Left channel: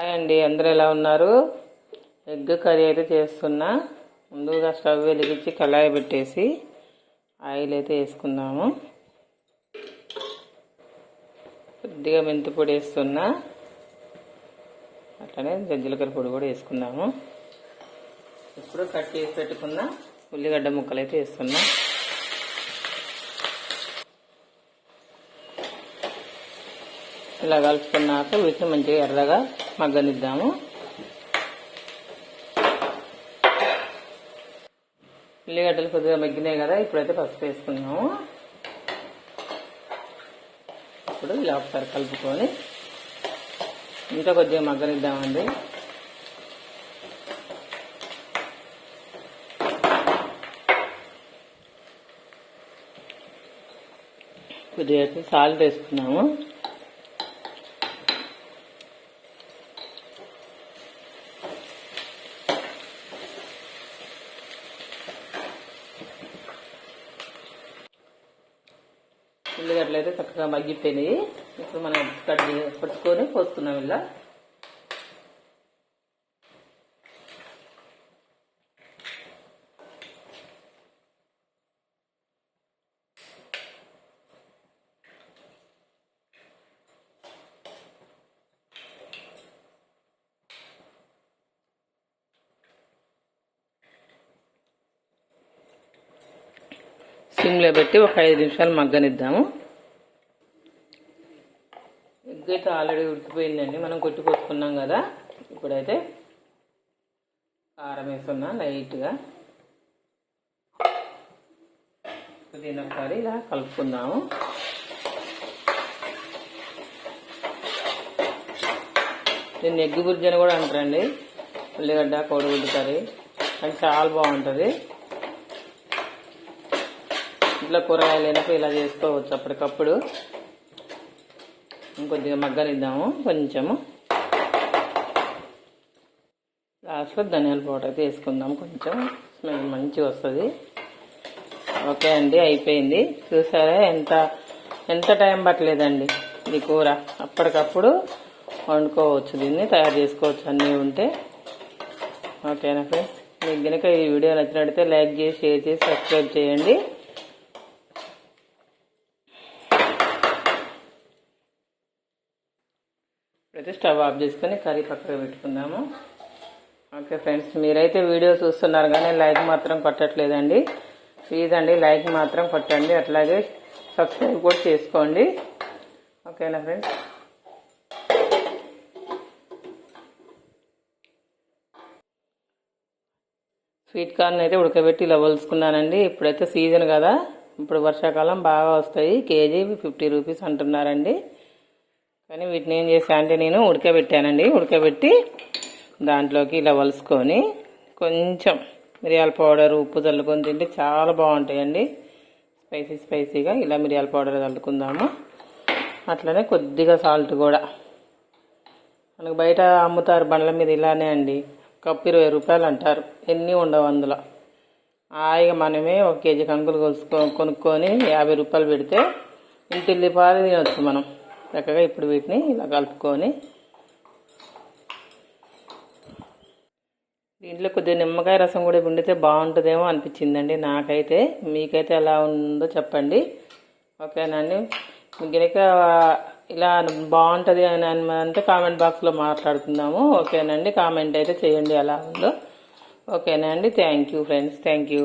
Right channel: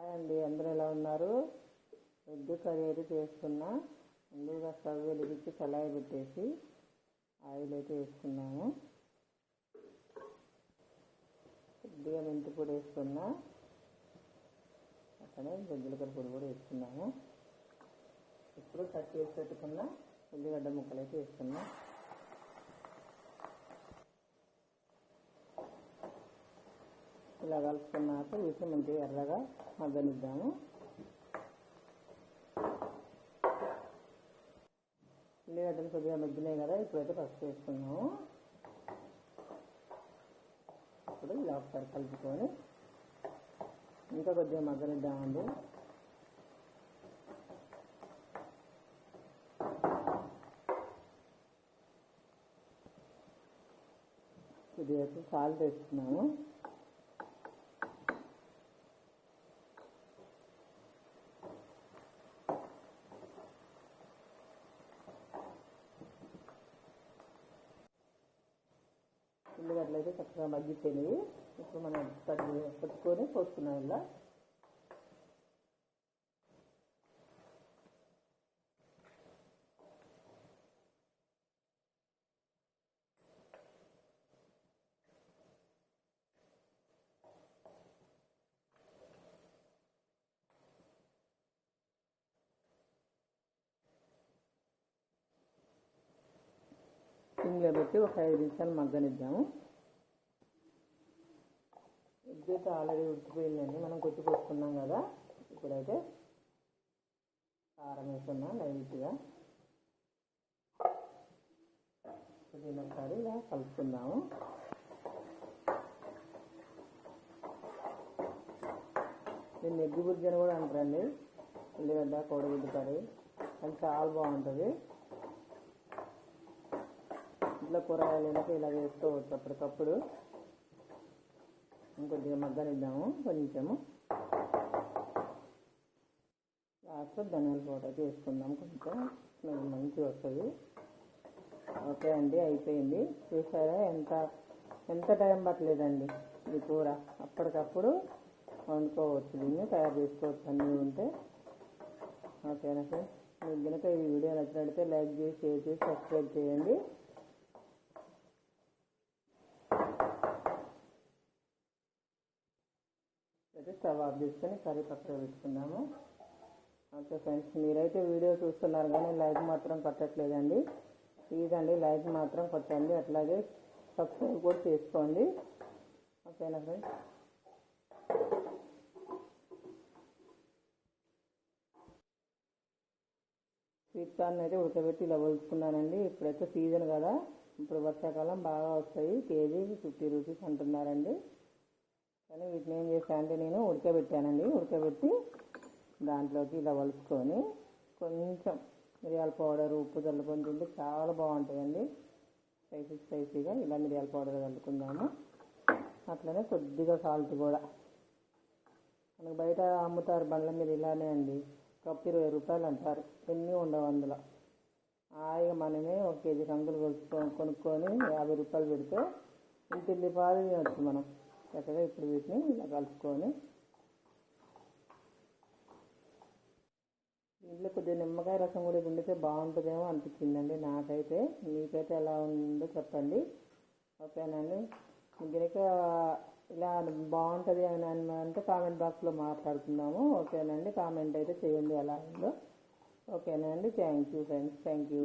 Hi అండి, అందరూ ఎలా ఉన్నారు? ఎగ్ కర్రీ అయితే చేస్తున్నా. ముందుగా స్టవ్ వెలిగించి కళాయి పెట్టేసి ఆయిల్ అయితే వేసుకుందాము. కొద్దిగా మెంతి పొడి వేస్తున్నా, అట్లనే జీలకర్ర పొడి కూడా వేసుకుందాము. ఇప్పుడు కట్ చేసి పెట్టుకున్న ఉల్లిగడ్డ ముక్కలు అయితే వేస్తున్నా. ఇలా కలుపుకున్నాక వీటిని మంచిగా ఎర్రగా మగ్గనిద్దాము. ఉల్లిగడ్డలు కొద్దిగా మగ్గినాయి కదా, ఇప్పుడైతే పసుపు వేసుకున్నాము. ఇప్పుడు ఇలా ఒకసారి కలుపుకొని ఇంకా కొద్దిగా మగ్గనిద్దామండి. కొద్దిగా సాల్ట్ వేసుకున్నాము. ఉల్లిగడ్డలు అయితే చక్కగా మగ్గిపోయినాయి. ఇప్పుడు మనం పట్టుకొని పోస్తున్నాం. ఇలా సిమ్లో పెట్టి ఒక 5 నిమిషాలు మగ్గనిద్దాము. ఎగ్ అయితే ఆల్రెడీ ఉడికిపోయిందండి, మనం కొట్టుకొచ్చుకున్నాం కదా. ఇప్పుడైతే కారం వేస్తున్నా లైట్గా. దీన్ని ఒకసారి ఇలా కలుపుకుందాము. దీన్ని ఎగ్ బుర్జీ అని కూడా అంటారండి. ఉల్లిగడ్డ కోడిగుడ్డు కర్రీ అది చాలా బాగుంటుంది. ఇంట్లో కూరగాయలు లేనప్పుడు ఇలా చేసుకోవచ్చు అప్పటికప్పుడు. ఇంకొద్దిగా మగ్గనిద్దాము కొంచెము. లాస్ట్లో ధనియాల పౌడర్ అయితే వేసుకుందాం, కొంచెం స్మెల్ మంచిగా వస్తుంది. ఓకే అండి, అయిపోయింది. చూసారా ఎంత టైం పట్టలేదండి ఇది కూర. అప్పటికప్పుడు వండుకోవచ్చు, దీన్ని తయారు చేసుకోవచ్చు అన్నీ ఉంటే. ఓకేనా ఫ్రెండ్స్, మీకు కనుక ఈ వీడియో నచ్చినట్లయితే లైక్ చేసి, షేర్ చేసి, సబ్స్క్రైబ్ చేయండి. అయితే స్టవ్ ఆఫ్ చేసుకొని కర్రీ పక్కకు పెట్టుకుందాము. ఓకే ఫ్రెండ్స్, మీరైతే వీడియో చూస్తున్నారు కానీ లైక్ మాత్రం కొట్టట్లేదండి. ప్లీజ్ అండి, లైక్ మాత్రం కొట్టండి. అట్లాగే సబ్స్క్రైబ్ కూడా చేసుకోండి. ఓకేనా ఫ్రెండ్స్. స్వీట్ కార్న్ అయితే ఉడకబెట్టి ఇలా వలుసుకున్నానండి. ఇప్పుడైతే సీజన్ కదా, ఇప్పుడు వర్షాకాలం బాగా వస్తాయి. కేజీ 50 రూపీస్ అంటున్నారండి. కానీ వీటిని ఏం చేసా అంటే నేను ఉడకబెట్టానండి. ఉడకబెట్టి దాంట్లోకి ఇలా వలుసుకొని కొంచెం మిరియాల పౌడర్, ఉప్పు చల్లుకొని తింటే చాలా బాగుంటాయండి. స్పైసీగా ఇలా మిరియాల పౌడర్ చల్లుకుందాము. అట్లనే కొద్దిగా సాల్ట్ కూడా. మనకు బయట అమ్ముతారు బండ్ల మీద ఇలానే అండి. కప్పు 20 రూపాయలు అంటారు, ఎన్ని ఉండవు అందులో. హాయిగా మనమే 1 కేజీ కంకులు కొనుక్కొని 50 రూపాయలు పెడితే ఇంటిల్లి పాలు తినొచ్చు మనం చక్కగా. ఇప్పుడు వీటిని ఇలా కలుపుకొని దీంట్లో కొద్దిగా నిమ్మకాయ రసం కూడా వండితే బాగుంటుందేమో అనిపించిందండి నాకైతే. మీకైతే ఎలా ఉందో చెప్పండి. ఓకేనండి, మీకు కనుక ఇలా బాగుంటుంది అని అంటే కామెంట్ బాక్స్లో మాట్లాడుకుందాము. ఓకేనండి, కామెంట్ అయితే చేయండి ఎలా ఉందో. ఓకేనండి, thank you friends, thank you.